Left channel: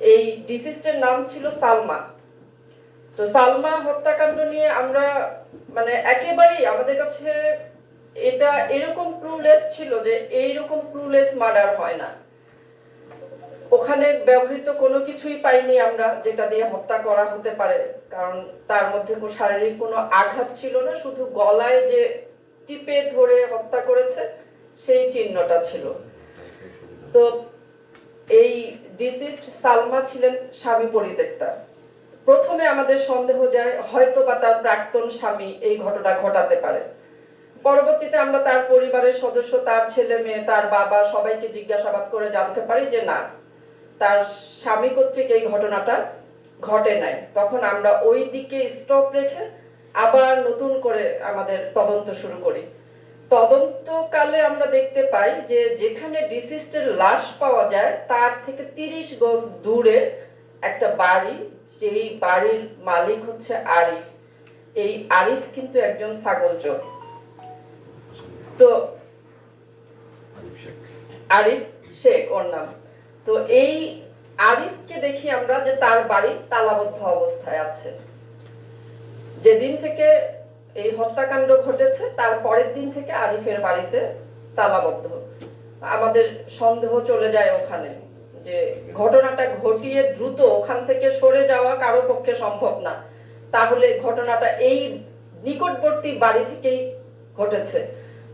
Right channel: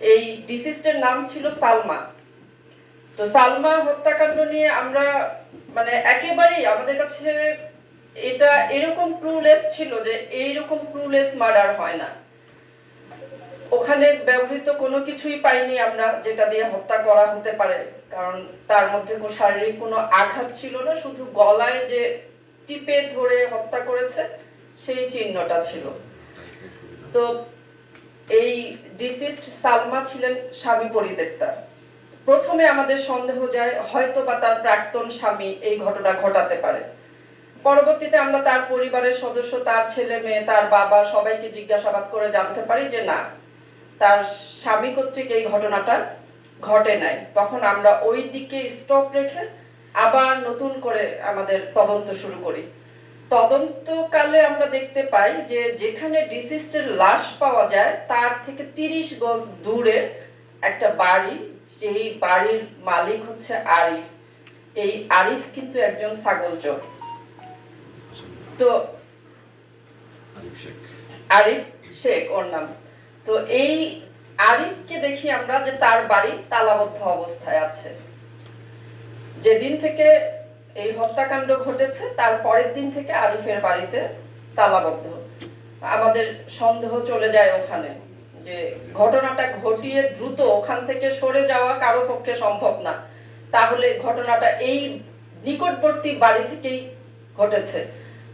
এই ডিসিস্টের নাম ছিল সালমা। তো সালমা হত্যাকাণ্ড নিয়ে আমরা মানে একেবারেই আমাদের কাছে এটা এরকম ক্লুলেস ছিল যে এইরকম ক্লুলেস মার্ডার হয় না। ওখানে ব্যবহৃত কোনো কিছুই পাইনি আমরা যেটা দিয়ে হত্যা করা হতে পারে কারণ তার মধ্যে কোনো শারীরিক কোনো আঘাত ছিল না শুধু গলায় যে টিপে ধরে হত্যা করেছে সেই চিহ্নটা ছিল। তো এই ডিসিস্ট সালমা ছিলেন স্বামী পরিত্যক্তা। প্রথমে আমাদের সন্দেহ যায় হয়তো বা তার প্রাক্তন স্বামী এই ঘটনা ঘটাতে পারে। পরবর্তীতে আমরা তার পরিবারের সদস্য, তার ছেলে মেয়ে, তার বাবা সবাইকে জিজ্ঞাসাবাদ করে জানতে পারি যে না, তার স্বামী কর্তৃক এই ঘটনাটা ঘটে নাই। তখন আমরা ওই দিকে স্টপ রেখে আবার নতুন করে আমাদের তদন্ত শুরু করি। তদন্তকালে আমরা দেখতে পাই যে যেখানে ডিসিস্টের লাশ পাওয়া যায়, তার থেকে তিরিশ গজ দূরে একটা বাড়ি, যেই বাড়ির মালিক হচ্ছে আরিফ। এই আরিফ কিন্তু একজন ছাগল চোর। তো আরিফ শেখ, ওর নাম। তো এই আরিফকে দেখি আমরা যে তার বাড়ি তালাবদ্ধ অবস্থায় আছে। যেদিন থেকে এই হত্যাকাণ্ড ঘটেছে, তার পরের দিন থেকে আরিফের বাড়িতে তালাবদ্ধ। আমাদের সন্দেহ চলে যায় ওখানে যে ঘটনাটা ঘটিয়ে দ্রুত ওখান থেকে সরে যাওয়া কারও পক্ষে সম্ভব না। তাহলে ঘটনাটা এই নিকটবর্তী বাড়ি থেকেই ঘটেছে।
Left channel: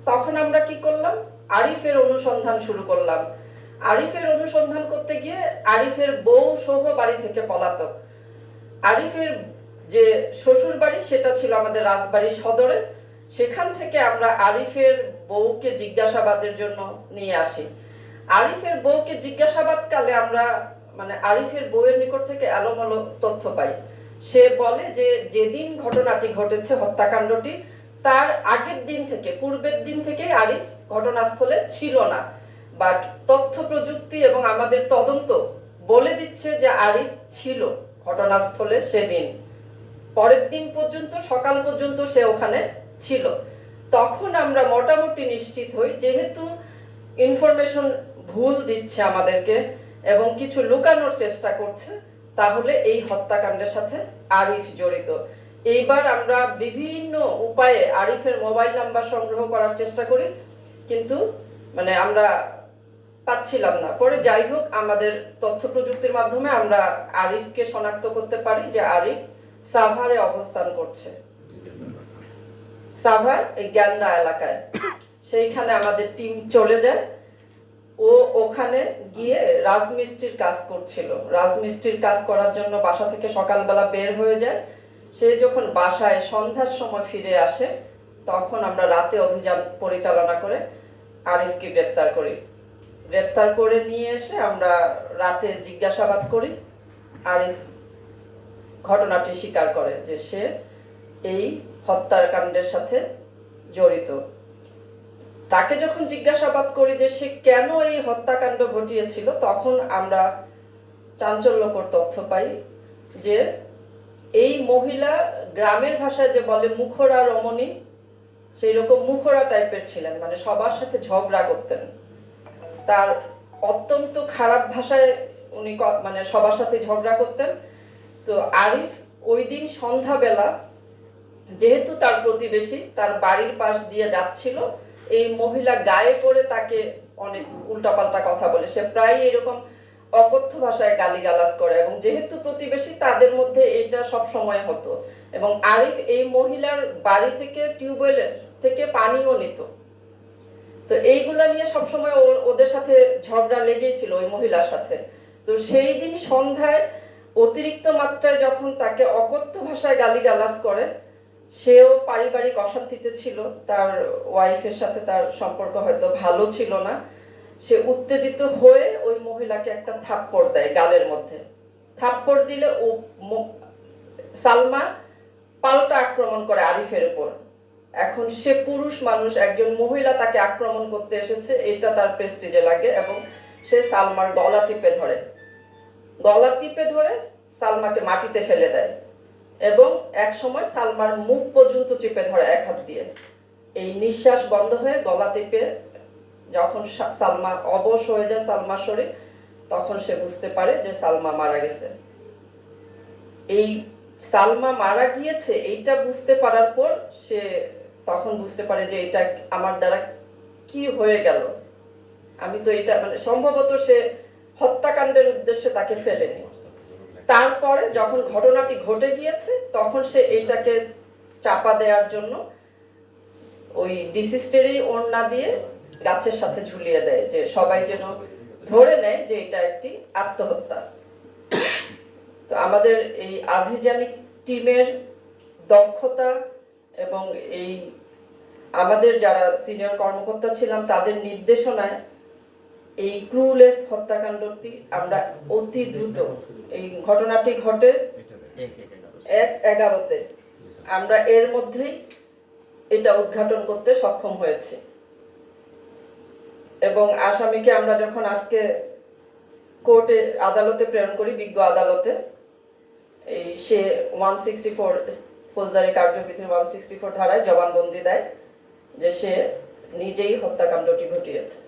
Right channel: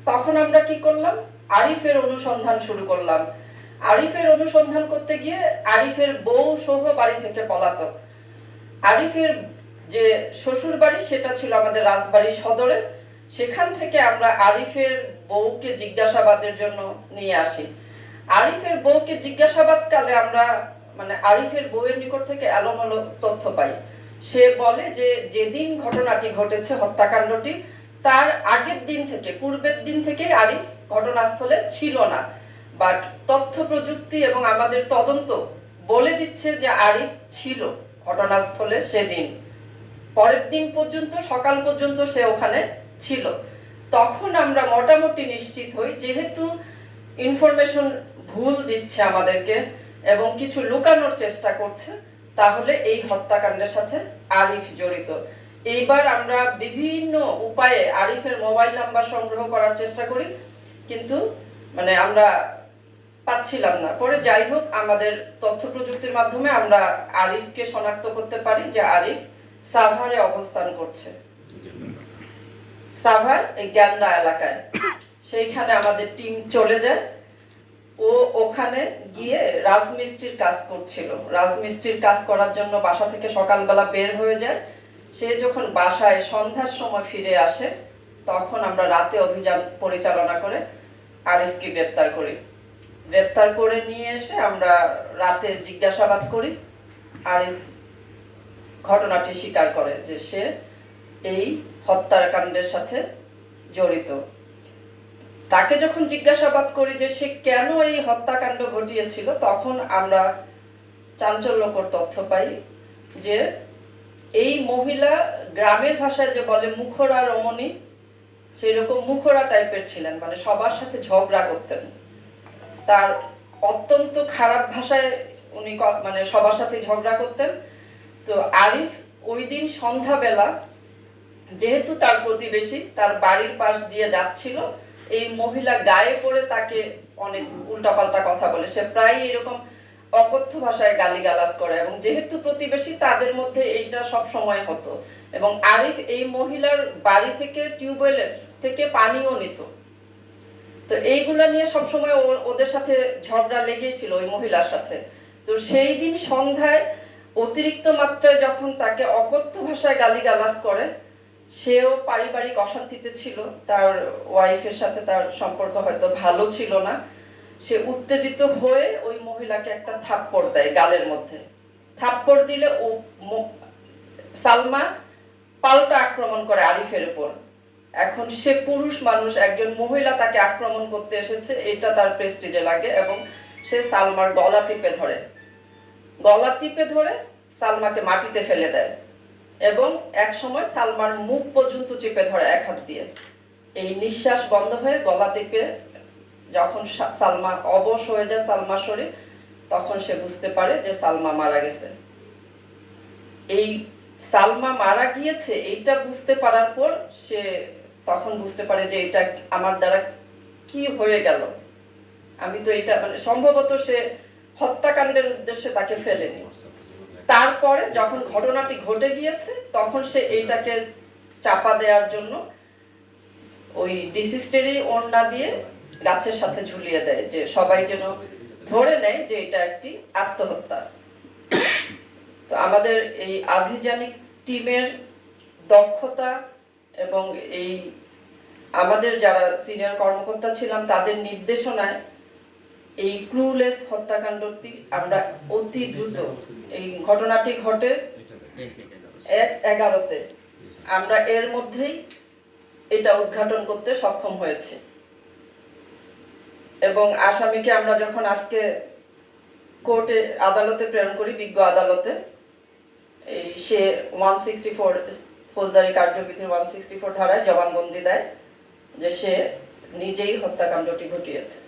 তখন আমরা কি করলাম? আরিফের অনুসন্ধান শুরু করলাম। আরিফের অনুসন্ধান করতে গিয়ে আরিফের বউ সহ বাড়ি থেকে পলাতক। আরিফের যে শ্বশুর বাড়ি সেটা ছিল আমাদের রাজবাড়ি সদরে। সেখান থেকে আমরা আরিফের বউকে জিজ্ঞাসাবাদের জন্য নিয়ে আসি। আরিফের বউকে জিজ্ঞাসাবাদ কালে আমরা মানে আরিফের বউয়ের নিকট থেকে এলোমেলো তথ্য পাই। সে বলে যে, যেদিন ঘটনাটি ঘটেছে, হত্যাকাণ্ডটি, তার আগের দিন থেকে, পূর্বের দিন থেকেই আরিফ ঘটনাস্থলে ছিল না। বাট তথ্য প্রযুক্তি এবং আমাদের তদন্ত বলে দিচ্ছে যে আরিফ ছিল ঘটনাস্থলে সেদিন। পরের দিন পর্যন্ত, সকাল পর্যন্ত সে ওখানে ছিল। তখন আমরা মোটামুটি নিশ্চিত হই, যেহেতু ইনফরমেশন ভুল দিচ্ছে আমাদেরকে এবং কিছু লুকানোর চেষ্টা করছে, তাহলে এই হত্যাকাণ্ডের সাথে আরিফ জড়িত। এইবার আমরা বিভিন্ন উপায়ে আরিফের মোবাইল নাম্বার সংগ্রহ করার চেষ্টা করি, কিন্তু মানে আমরা পাচ্ছিলাম না। পরে যাই হোক, আমাদের তথ্য প্রযুক্তির মাধ্যমে আমরা আরিফকে শনাক্ত করতে পারি যে আরিফ সাভারে অবস্থান করছে। সাভার এই গ্যান্ডা এলাকায়। সেইখানে আমাদের টিম চলে যায়। ও ওখানে গিয়ে রাজমিস্ত্রির কাজ করছিল। রাজমিস্ত্রির কাজ করার জন্য বাসা থেকে সকালবেলা বের হয়ে যায়। সে যখন বাসায় সন্ধ্যার সময় ফিরে আসে, তখন আমরা রাতে অভিযান পরিচালনা করে আরিফকে গ্রেপ্তার করি। গ্রেপ্তার করে নিয়ে এসে আমরা রাতে জিজ্ঞাসাবাদ করি, আরিফ ঘটনাটি স্বীকার করে যে সে এই হত্যাকাণ্ডের সাথে জড়িত। তাকে যখন জিজ্ঞাসাবাদ করি যে সে কেন এই হত্যাকাণ্ড ঘটিয়েছিল, তখন আমরা চাঞ্চল্যকর তথ্য পাই যে এই মহিলা গ্রামের ভাষায় যে বলে মুখরা রমণী সেই রকম মুখরা টাইপের ছিলেন মানে সবার সাথে ঝগড়া করতেন। তার অত্যন্ত খারাপ ভাষায় উনি মানে সবার সাথে ঝগড়া করতেন। তো আরিফ ওই দিন সন্ধ্যাবেলা যেহেতু তার প্রতিবেশী, তার বাড়ির পাশ দিয়ে যাচ্ছিল, এই মহিলা গায়ে পড়ে তাকে অনেক উল্টাপাল্টা কথা বলে। সে প্রায় এরকম অকথ্য ভাষায় গালিগালাজ করে এবং যেহেতু প্রতিবেশী, তাদের মধ্যে এইটা সব সময় হতো এবং আরিফ এই মহিলার বাড়ি থেকে টিউবওয়েলের থেকে পানিও নিত। তো এইগুলা নিয়ে সবসময় ওদের সাথে ঝগড়া লেগেই ছিল ওই মহিলার সাথে। তো সেই দিন সন্ধ্যায় অতিরিক্ত মাত্রায় যখন তাকে অকথ্য ভাষায় গালিগালাজ করে, সেও পারিবারিক অশান্তিতে ছিল। তার ওয়াইফের সাথে তার সম্পর্ক হয়তো ভালো ছিল না। সে উত্তেজিত হয়ে ওই মহিলাকে একটা থাপ্পড় দেয় গালের মধ্যে। থাপ্পড় দিলে ও সালমা পাল্টা আক্রমণ করে আরিফের উপর। এখন সে পুরুষ মানুষ, একজন মহিলা তাকে আক্রমণ করতে এসেছে, এটা তার প্রেস্টিজে লাগে এবং সে সালমার গলা টিপে ধরে। গলা টিপে ধরে সালমাকে মাটিতে ফেলে দেয় এবং এক সময় সালমার মুখ পর্যন্ত চেপে ধরে এক হাত দিয়ে। এই নিঃশ্বাস বন্ধ হয়ে গলা টিপে যখন সালমা অবশ হয়ে যায় সালমার শরীর, তখন সে বুঝতে পারে যে সালমা মারা গেছে। এই সালমা মারা গিয়েছে, এইটা বুঝতে পারার পর সে তখন বুঝতে পারে যে এটা আমার দ্বারা কি হয়ে গেল। আমি তো এটা মানে সম্ভবত সে হত্যাকাণ্ডের উদ্দেশ্যে তাকে ফেলেনি। তারপরে যখন ঘটনাটি ঘটে গিয়েছে, তখন সে এইটাকে চাপা দেওয়ার জন্য ওই ডিসিস্টেরই ওড়না দিয়ে গাছের সাথে ঝুলিয়ে দেয় যে সবাই যেন ধরে নেয় যে এটা একটি আত্মহত্যা। তো আমাদের এই আভিযানিক টিমের দক্ষতা এবং এই আমাদের যারা সিনিয়র কর্মকর্তা ছিলাম, তাদের নির্দেশনায় এই ক্লুলেস হত্যাকাণ্ডটি আমরা অতি দ্রুত এই ঘটনাটি ঘটে এক এগারোতে। আমরা এর মধ্যেই এটা উদ্ঘাটন করতে সক্ষম হয়েছি। এবং আসামিকে আমরা যখন আজকে কোর্টে আদালতে প্রেরণ করি, বিজ্ঞ আদালতে, এই সে ওয়ান সিক্সটি ফোর ফৌজদারি কার্যবিধির ওয়ান সিক্সটি ফোর ধারায় জবানবন্দি দেয় যে সে নিজেই হত্যাকাণ্ডটি ঘটিয়েছে।